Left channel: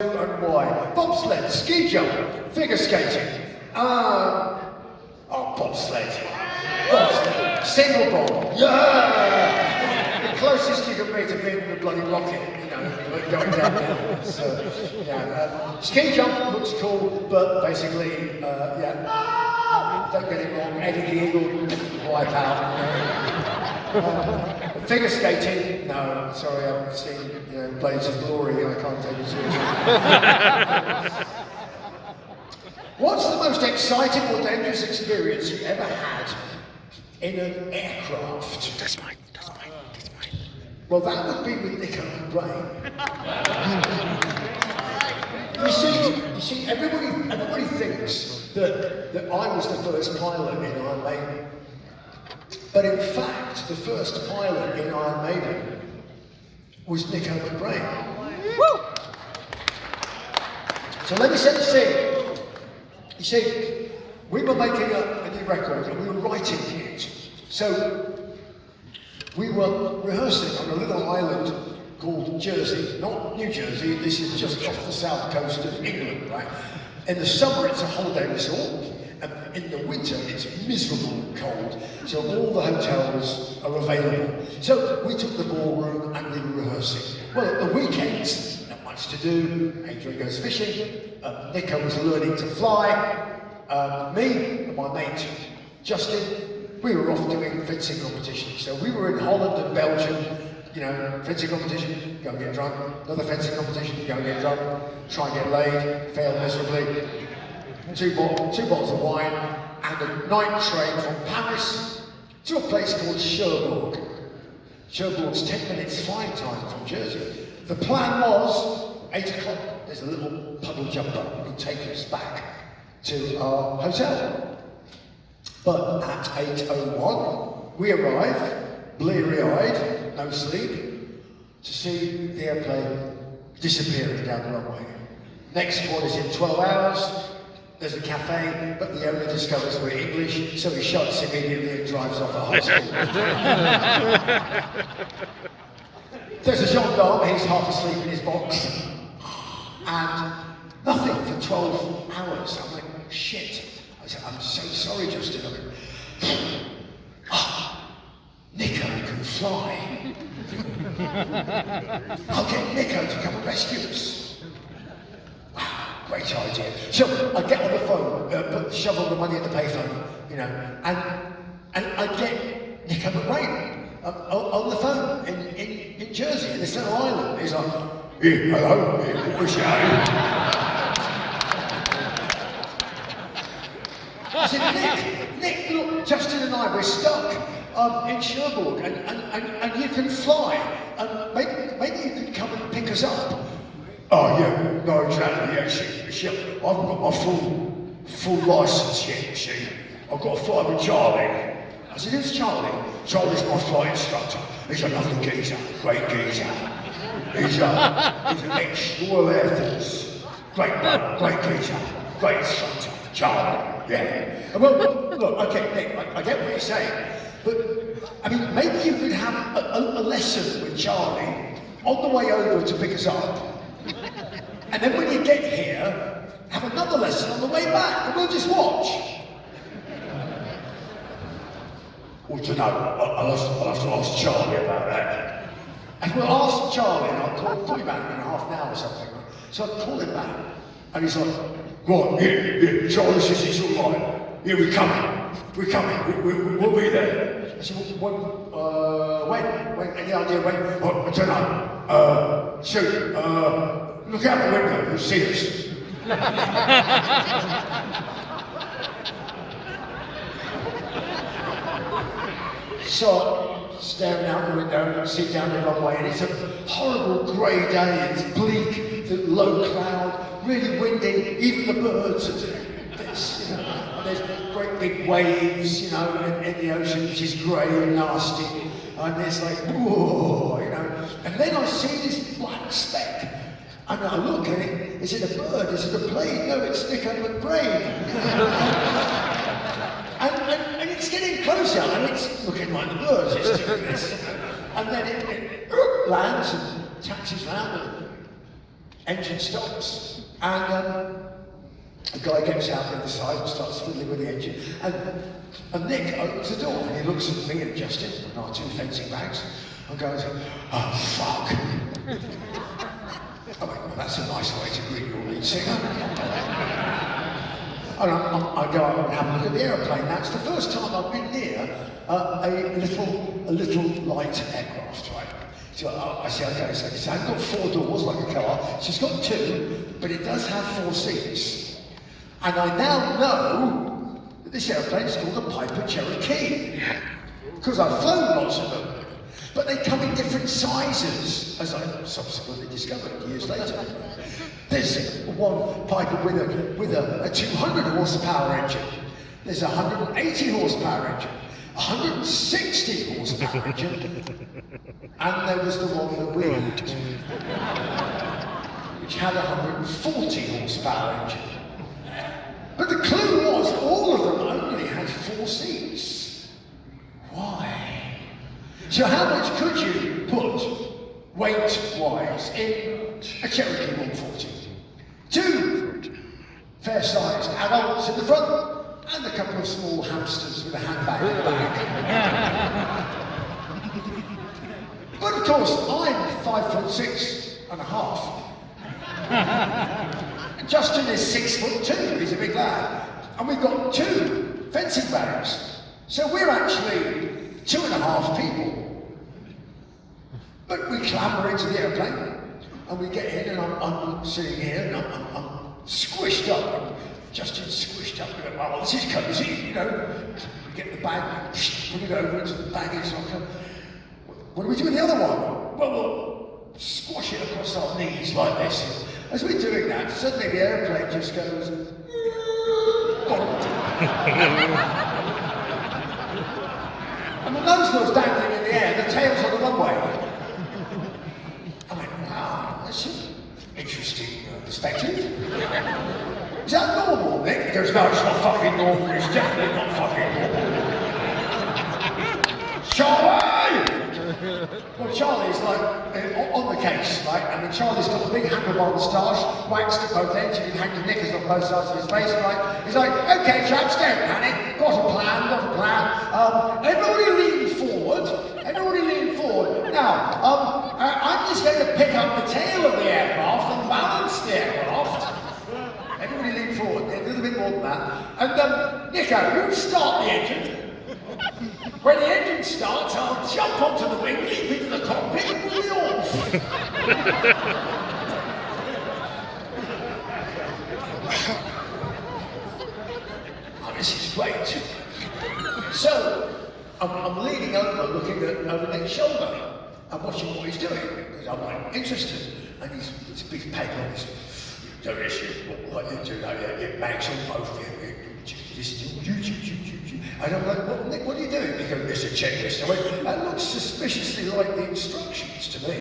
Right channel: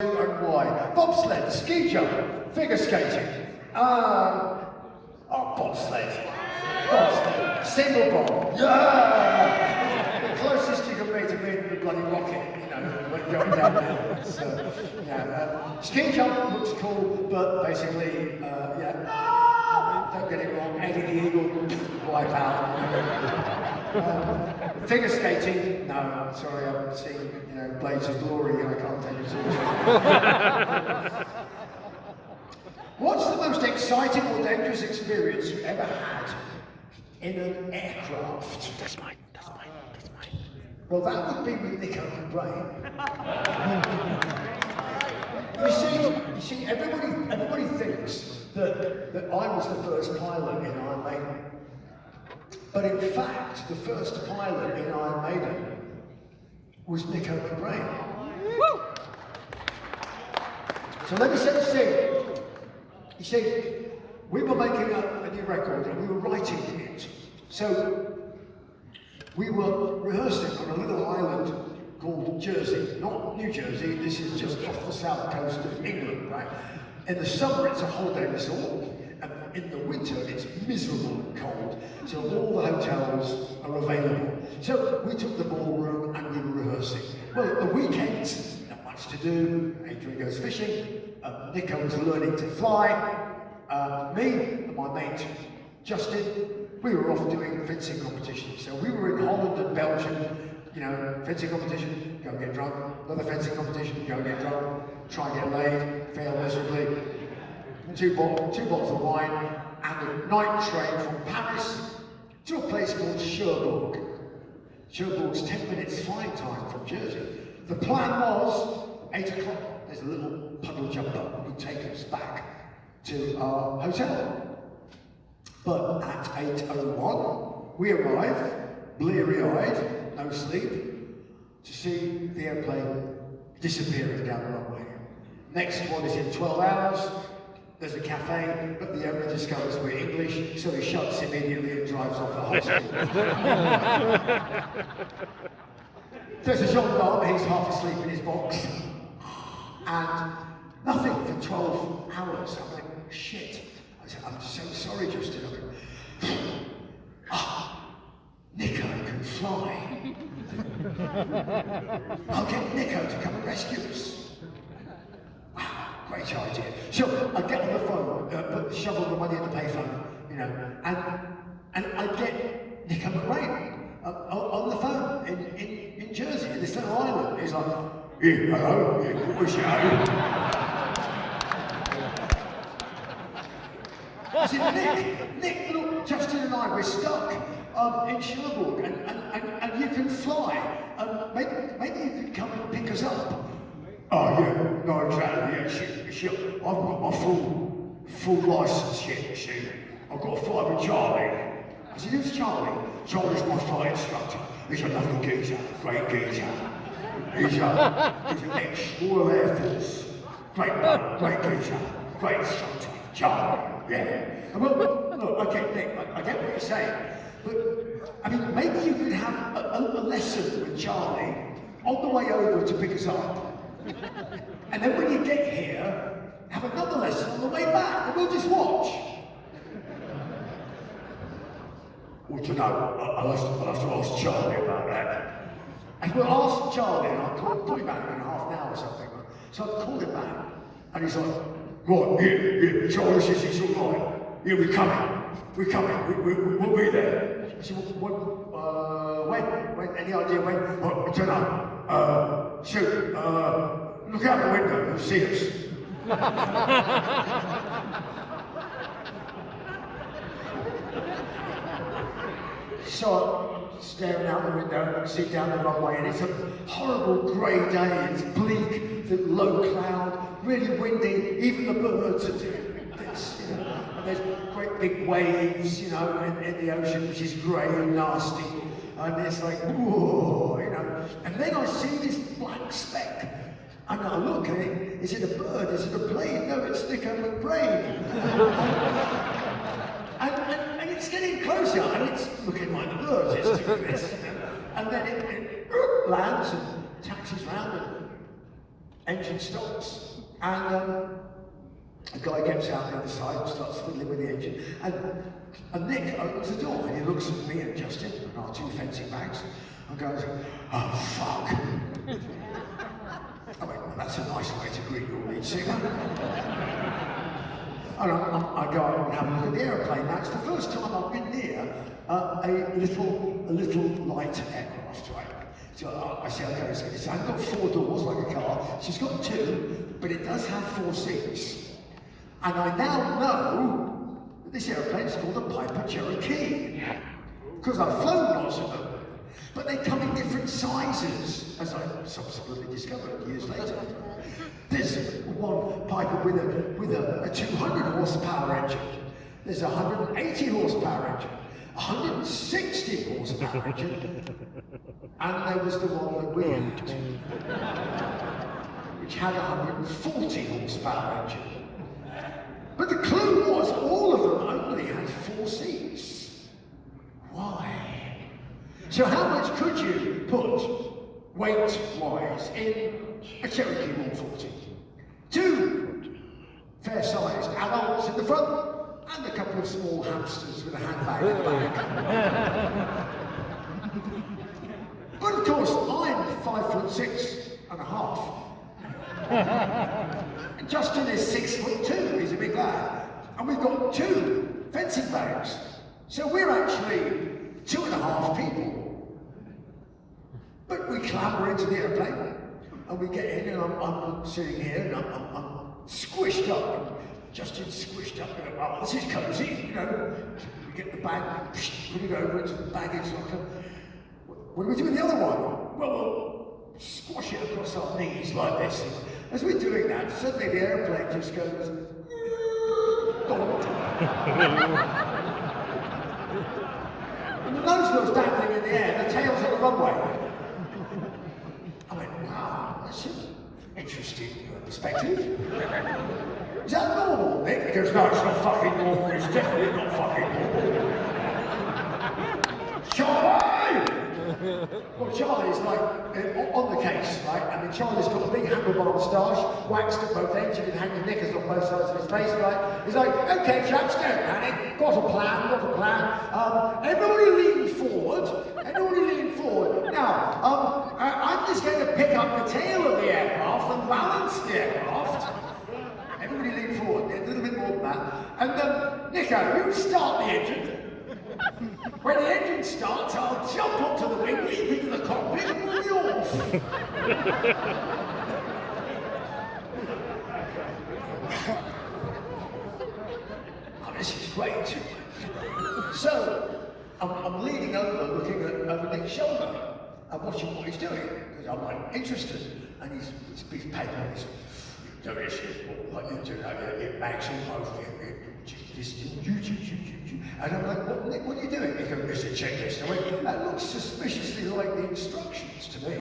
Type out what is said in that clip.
And why? Bobsled, ski jump, figure skating, bobsled, single bob, yeah! The closest you can be to being the bloody rocket, you know, going down there. So, yeah, ski jump looks cool, but basically, don't get it wrong, Eddie the Eagle, wipe out. Figure skating, no, sorry, I haven't seen Blades of Glory, I can't tell you too. What's the most exciting or dangerous experience you ever had in an aircraft? That's mine. Well, that would be with Nico and Brain. you see, everybody thinks that I was the first pilot in Iron Maiden. But in fact, the first pilot in Iron Maiden was Nico and Brain. Woo! So let me set the scene. You see, we were making a new record and we were writing it. So we were rehearsing on a little island called Jersey, not New Jersey, this is just off the south coast of England, right? In the summer it's a holiday resort, and in the winter it's miserable and cold, so all the hotels are available. So we took the ballroom and we were rehearsing. Well, at the weekends, not much to do, Adrian goes fishing, Nico was learning to fly, me and my mate Justin, we were off doing fencing competitions. So we were in Holland and Belgium, fencing competition, go and get drunk, another fencing competition, go and get drunk, try and get laid, fail miserably, two bottles of wine, and a night train from Paris to a place called Cherbourg. Cherbourg's 10 minutes flying time from Jersey. The plan was 8 o'clock, there's a little puddle jumper who would take us back to our hotel. But at 8:01, we arrive, bleary-eyed, no sleep, to see the airplane disappearing down the runway. Next one is in 12 hours, there's a cafe, but the owner discovers we're English, so he shuts immediately and drives off at high school. There's a gendarme, he's half asleep in his box, and nothing for 12 hours. I'm like, shit. I said, I'm so sorry, Justin. Nico can fly. I'll get Nico to come and rescue us. Great idea. So I get on the phone, shovel the money at the payphone, and I get Nico McRae on the phone in Jersey, in the Centre Island. He's like, yeah, hello, what's your name? I said, Nick, look, Justin and I, we're stuck in Cherbourg, and you can fly. Maybe you can come and pick us up. Oh yeah, no, exactly, yeah, shit. I've got my full licence here, see. I've got to fly with Charlie. I said, who's Charlie? Charlie's my flight instructor. He's a lovely geezer, great geezer. He's an ex-Royal Air Force. Great geezer, great instructor, Charlie, yeah. Well, look, I get what you're saying, but, maybe you could have a lesson with Charlie on the way over to pick us up. And then when you get here, have another lesson on the way back, and we'll just watch. Well, you know, I'll have to ask Charlie about that. And we'll ask Charlie, and I'll call him back in half an hour or something. So I'll call him back, and he's like, right, yeah, Charlie says it's all right. Yeah, we're coming, we'll be there. I said, when? Any idea when? Well, I don't know. Shoot, look out the window, you'll see us. So I'm staring out the window and see down the runway, and it's a horrible grey day, it's bleak, the low cloud, really windy, even the birds are doing this, and there's great big waves, in the ocean, which is grey and nasty, and it's like, whoa, and then I see this black speck, and I look at it, is it a bird, is it a plane? No, it's Nico McBrain. and it's getting closer, and it's looking like the birds, it's doing this, and then it lands and taxis round, engine stops, and a guy gets out the other side and starts fiddling with the engine, and Nick opens the door, and he looks at me and Justin, and our two fencing bags, and goes, "Oh, fuck." I went, "Well, that's a nice way to greet your lead singer." And I go out and have a look at the aeroplane. Now, it's the first time I've been near a little light aircraft, right? So I say, okay, so it's got 4 doors like a car, so it's got 2, but it does have 4 seats. And I now know that this airplane is called a Piper Cherokee, because I've flown lots of them. But they come in different sizes, as I subsequently discovered years later. There's one Piper with a 200 horsepower engine. There's a 180 horsepower engine, 160 horsepower engine, and there was the one that we had, which had a 140 horsepower engine. But the clue was all of them only had 4 seats. Why? So how much could you put weight-wise in a Cherokee 140? 2 fair-sized adults in the front, and a couple of small hamsters with a handbag in the back. But of course, I'm 5'6.5". Justin is 6'2", he's a big lad. And we've got 2 fencing bags. So we're actually 2.5 people. But we clamber into the airplane, and we get in, and I'm sitting here, and I'm squished up, and Justin's squished up, and oh, this is cozy, you know. We get the bag, put it over into the baggage, and I go, what do we do with the other one? Well, we'll squash it across our knees like this. And as we're doing that, suddenly the airplane just goes, and the nose wheel's dangling in the air, the tail's on the runway. I went, wow, that's an interesting perspective. Is that normal, Nick? He goes, no, it's not fucking normal, it's definitely not fucking normal. Charlie! Well, Charlie's like on the case, right? And then Charlie's got a big handlebar moustache, waxed at both ends, you can hang your knickers on both sides of his face, right? He's like, okay, chaps, don't panic, got a plan. Everybody lean forward. Now, I'm just going to pick up the tail of the aircraft and balance the aircraft. Everybody lean forward, a little bit more than that. And Nico, you start the engine. When the engine starts, I'll jump onto the wing, leap into the cockpit, and we'll be off. Oh, this is great. So, I'm leaning over, looking over Nick's shoulder, and watching what he's doing, because I'm like interested. And he's big paper, he's do this, like you do, your bags on both, I don't know, Nick, what are you doing? He goes, it's a checklist. I went, that looks suspiciously like the instructions to me.